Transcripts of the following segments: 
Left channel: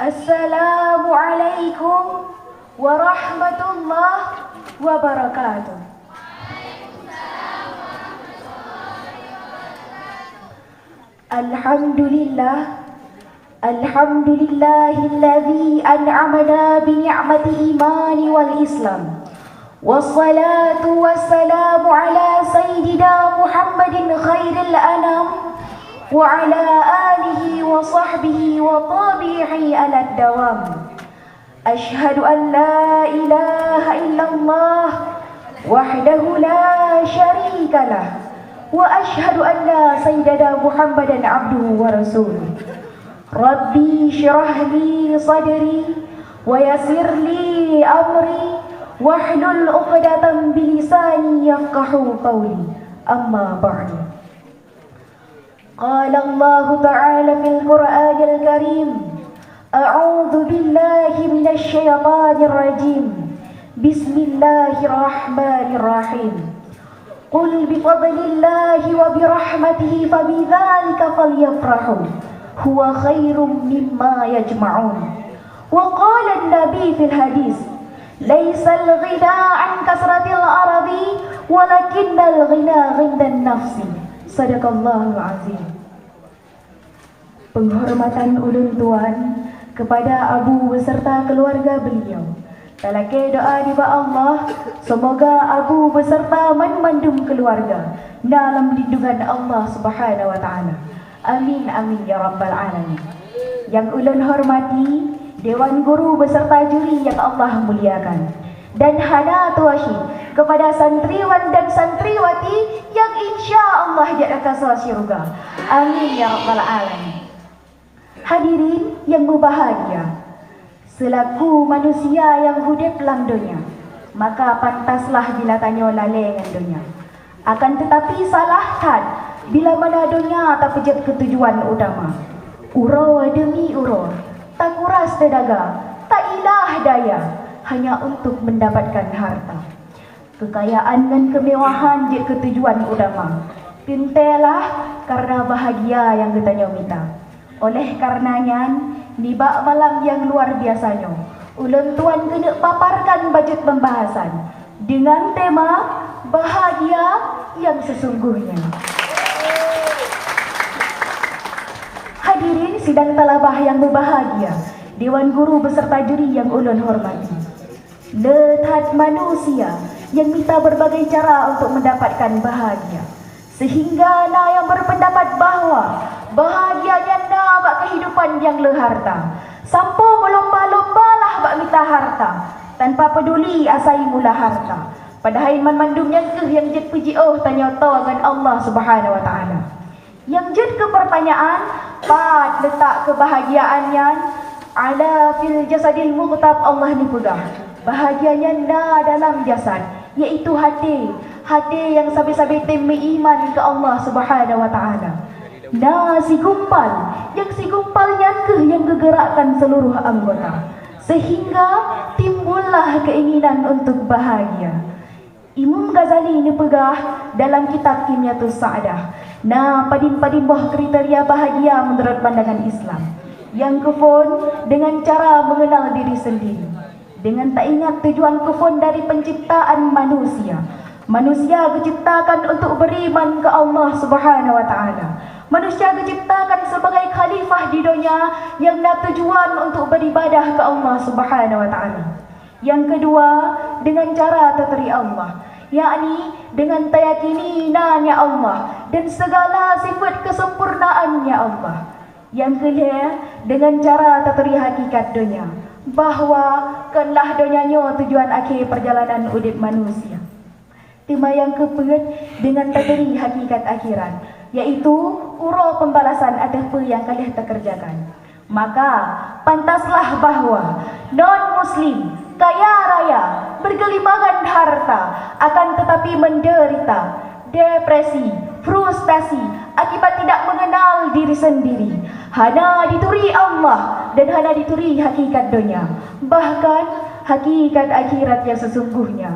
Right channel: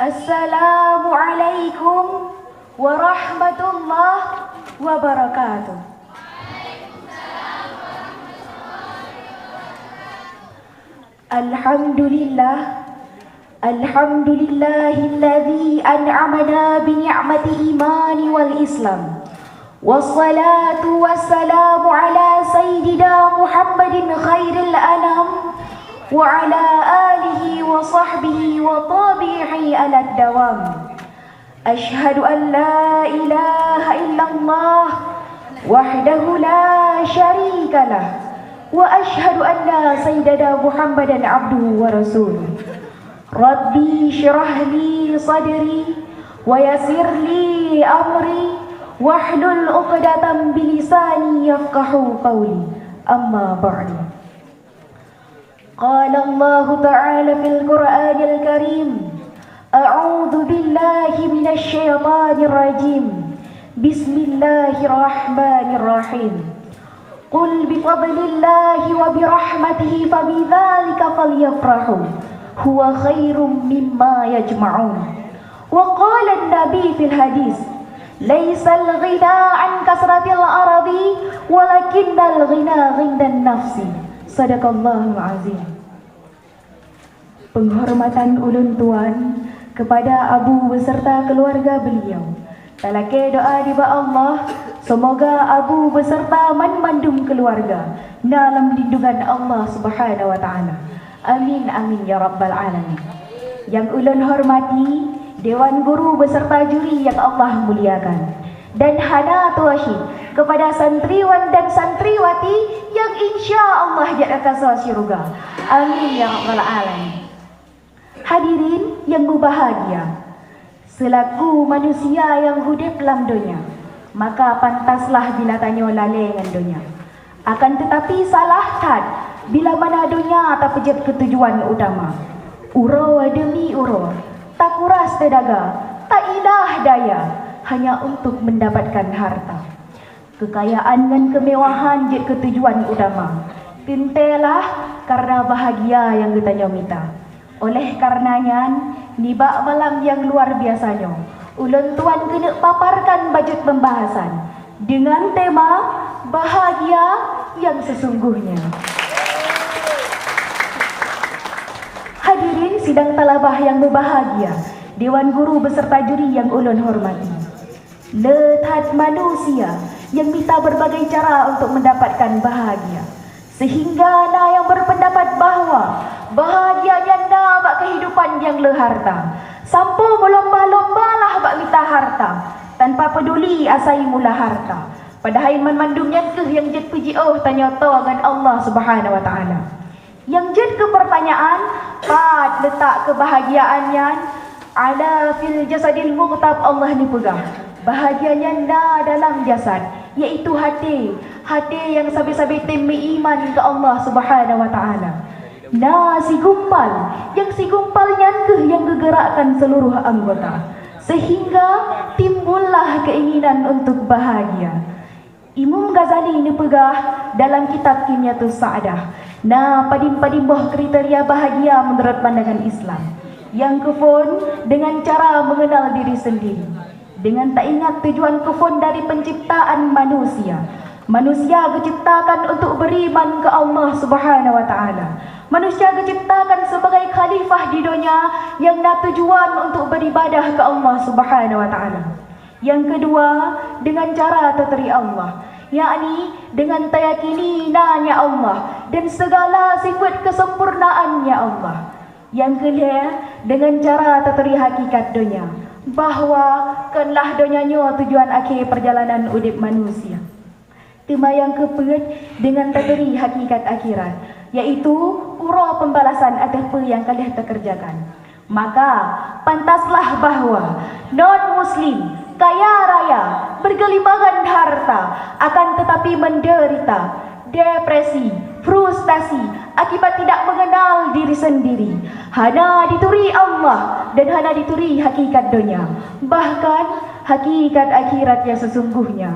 Assalamualaikum warahmatullahi wabarakatuh. Alhamdulillah, alhamdulillahilladzi an'amana bi ni'mati imani wal islam. Wassalatu wassalamu ala sayyidina Muhammadin khairil anam wa ala alihi wa sahbihi wa tabi'i ala dawam. Ashhadu an la ilaha illallah wahdahu la syarika lah wa ashhadu anna sayyidina Muhammadan abduhu wa rasuluh. Rabbi syrah li sadri wa yassir li amri wahlul 'uqdatam bi lisani yafqahu qawli. Amma ba'du. Qala Allah ta'ala fil Qur'anil Karim, a'udzu billahi minasy syaithanir rajim. Bismillahirrahmanirrahim. Qul bi fadlillahi wa bi rahmatihi fa bidzalika falyafrahu huwa khairum mimma yajma'un. Wa qala an-nabi fil hadis, laisal ghina an kasratil aradi walakinnal ghina 'indan nafsi. Sadaqallahul azim. Penghormatan ulun tuan kepada abu beserta keluarga beliau. Talake doa diba Allah, semoga abu beserta mandum keluarga dalam lindungan Allah Subhanahu wa taala. Amin amin ya rabbal alamin. Yang ulun hormati dewan guru beserta juri yang Allah muliakan, dan hana tuasyid kepada santriwan dan santriwati yang insya Allah jadi kasal syurga. Amin ya rabbal alamin. Hadirin yang berbahagia, selaku manusia yang hidup dalam dunia, maka pantaslah bila tanya lalai dengan dunia. Akan tetapi salahkan bila mana dunia tak pejat ketujuan utama. Uro demi uro, tak kuras tenaga, tak ilah daya, hanya untuk mendapatkan harta. Kekayaan dan kemewahan jadi ketujuan utama. Tintelah karena bahagia yang kita minta. Oleh karenanya, nibak malam yang luar biasanya, ulun tuan kena paparkan bajet pembahasan dengan tema bahagia yang sesungguhnya. Hadirin sidang talabah yang berbahagia, dewan guru beserta juri yang ulun hormati. Lethat manusia yang minta berbagai cara untuk mendapatkan bahagia, sehingga ada yang berpendapat bahawa bahagianya bak kehidupan yang leharta. Sampo melomba-lombalah bak minta harta, tanpa peduli asai mula harta. Padahal memandumnya ke yang jad puji tanya dengan Allah Subhanahu wa taala. Yang jad ke pertanyaan, pat letak kebahagiaannya ala fil jasadil mughtab. Allah ni pegang bahagianya dalam jasad, yaitu hati. Hati yang sabi-sabi temi iman ke Allah Subhanahu wa taala. Si gumpal, yang si gumpalnya ke yang gegerakkan seluruh anggota, sehingga timbullah keinginan untuk bahagia. Imam Ghazali ini pegah dalam kitab Kinyatus Sa'adah. Padim-padim boh kriteria bahagia menurut pandangan Islam. Yang kefon dengan cara mengenal diri sendiri, dengan tak ingat tujuan kefon dari penciptaan manusia. Manusia diciptakan untuk beriman ke Allah Subhanahu wa taala. Manusia diciptakan sebagai khalifah di dunia yang nak tujuan untuk beribadah ke Allah Subhanahu wa taala. Yang kedua, dengan cara terteri Allah, yakni dengan tayakini nanya Allah dan segala sifat kesempurnaannya Allah. Yang kedua, dengan cara terteri hakikat dunia, bahawa kanlah dunianya tujuan akhir perjalanan hidup manusia. Tema yang keempat, dengan terteri hakikat akhirat, yaitu ura pembalasan atas apa yang kalian terkerjakan. Maka pantaslah bahawa non-muslim kaya raya bergelimangan harta akan tetapi menderita depresi, frustasi akibat tidak mengenal diri sendiri. Hana dituri Allah dan hana dituri hakikat dunia, bahkan hakikat akhirat yang sesungguhnya.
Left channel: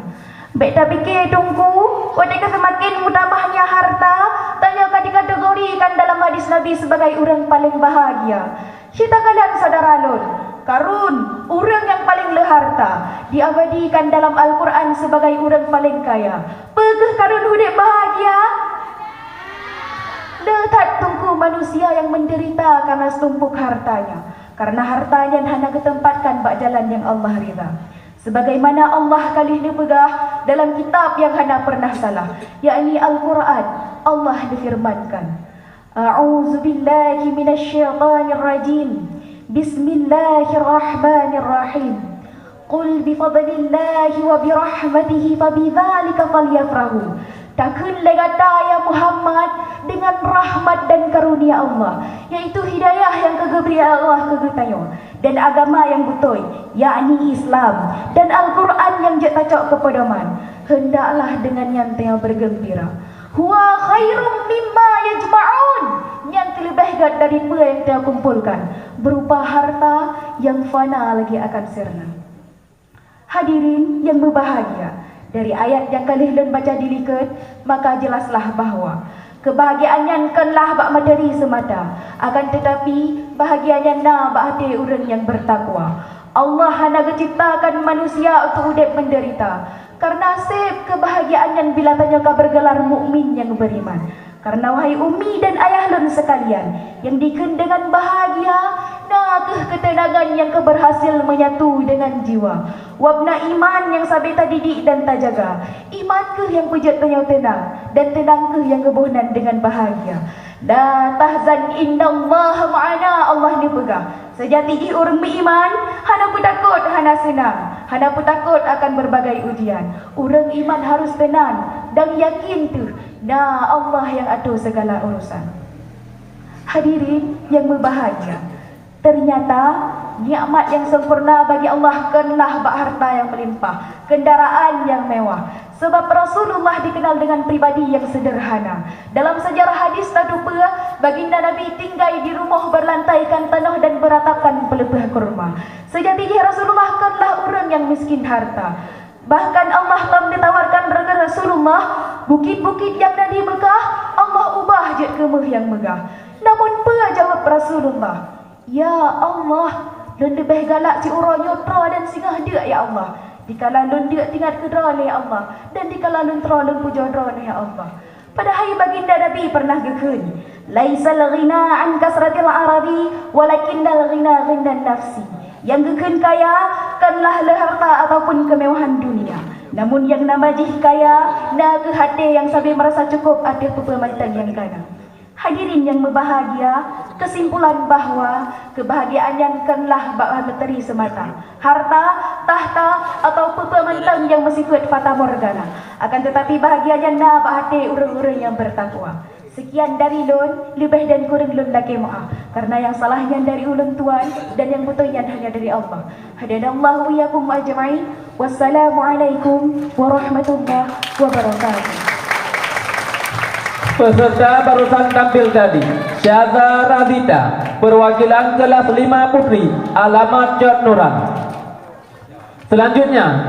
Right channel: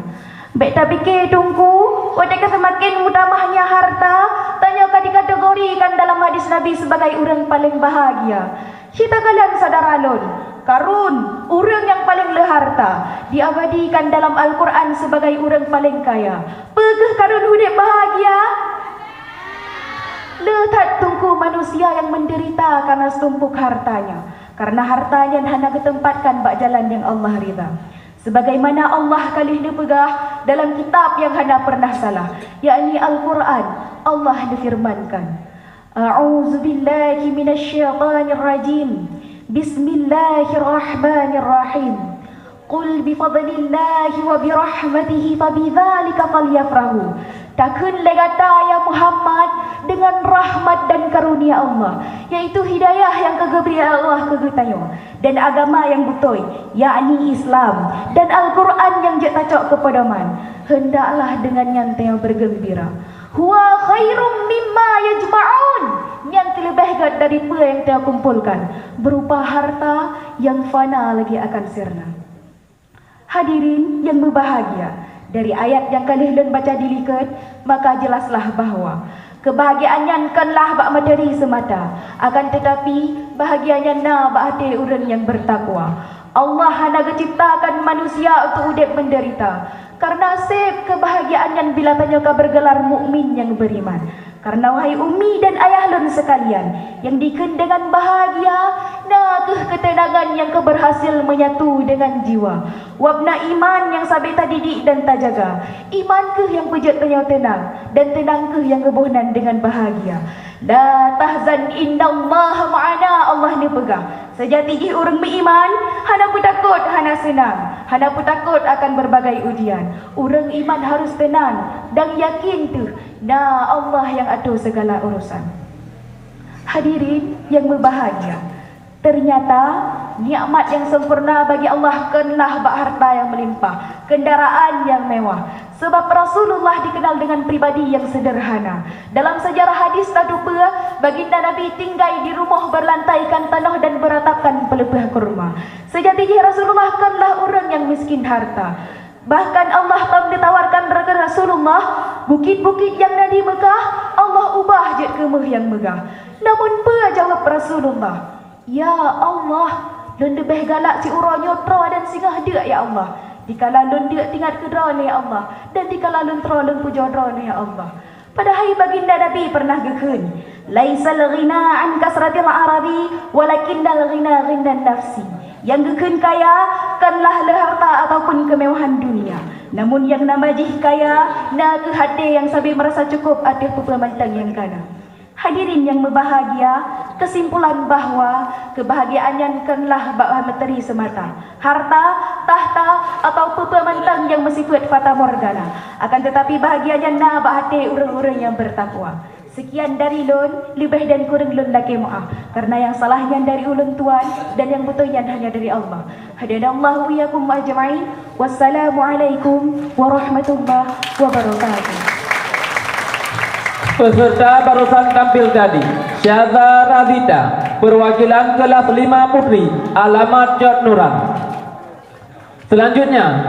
Baik tak fikir tunggu, ketika semakin mudahnya harta, tanya dikategorikan dalam hadis Nabi sebagai orang paling bahagia. Kita kalian saudara lun, Karun, orang yang paling leharta, diabadikan dalam Al-Quran sebagai orang paling kaya. Pegah karun hidup bahagia? Letak tunggu manusia yang menderita karena setumpuk hartanya. Karena hartanya hanya ditempatkan bak jalan yang Allah ridha. Sebagaimana Allah kali ini pegah dalam kitab yang hanya pernah salah, yakni Al-Quran. Allah difirmankan, A'udzu billahi minasyaitonir rajim. Bismillahirrahmanirrahim. Qul bifadlillahi wa birahmatihi fabidzalika falyafrahu. Takun legata ya Muhammad dengan rahmat dan karunia Allah, yaitu hidayah yang kegeberi Allah kegetayo dan agama yang betul, yakni Islam dan Al-Quran yang cocok kepada man. Hendaklah dengan nyantai bergembira. Huwa khairum mimma yajma'un. Yang lebih baik dari apa yang dia kumpulkan, berupa harta yang fana lagi akan sirna. Hadirin yang berbahagia, dari ayat yang kalian baca dilihat, maka jelaslah bahawa kebahagiaan yang kanlah bak materi semata, akan tetapi bahagianya na bak hati orang yang bertakwa. Allah hanya menciptakan manusia untuk hidup menderita, karena sep kebahagiaan yang bila tanya bergelar mukmin yang beriman. Karena wahai ummi dan ayah lun sekalian, yang diken dengan bahagia, nah ketenangan yang keberhasil menyatu dengan jiwa. Wabna iman yang sampai tak didik dan tak jaga. Iman ke yang pujat tanya tenang, dan tenang ke yang kebohnan dengan bahagia. La tahzan innallaha ma'ana, Allah ni pegang. Sejati orang beriman, hana pun takut, hana senang. Hana pun takut akan berbagai ujian. Orang iman harus tenang dan yakin tu, nah Allah yang atur segala urusan. Hadirin yang berbahagia, ternyata nikmat yang sempurna bagi Allah kenlah bak harta yang melimpah, kendaraan yang mewah. Sebab Rasulullah dikenal dengan pribadi yang sederhana. Dalam sejarah hadis tak lupa, baginda Nabi tinggal di rumah berlantaikan tanah dan beratapkan pelepah kurma. Sejatinya Rasulullah kanlah orang yang miskin harta. Bahkan Allah telah ditawarkan kepada Rasulullah, bukit-bukit yang ada di Mekah, Allah ubah je kemah yang megah. Namun apa jawab Rasulullah? Ya Allah, lun lebih galak si urang nyotra dan singgah dia ya Allah. Dikala lun dia tinggal kedra ni ya Allah, dan dikala lun tra lun pujadra ni ya Allah. Padahal baginda Nabi pernah gekun, laisal ghina an kasratil arabi walakinnal ghina ghindan nafsi. Yang gekun kaya kanlah harta ataupun kemewahan dunia, namun yang namajih kaya na ke hati yang sambil merasa cukup atir pepelamatan yang kana. Hadirin yang berbahagia, kesimpulan bahawa kebahagiaan yang kanlah bak materi semata, harta, tahta atau pepelamatan yang bersifat fata morgana. Akan tetapi bahagianya na bak hati orang-orang yang bertakwa. Sekian dari lun, lebih dan kurang lun lagi maaf, karena yang salahnya dari ulun tuan dan yang betulnya hanya dari Allah. Hadanallahu iyyakum ajma'in. Wassalamualaikum warahmatullahi wabarakatuh. Peserta barusan tampil tadi, Syaza Razida, perwakilan kelas 5 putri, alamat Jod Nurah. Selanjutnya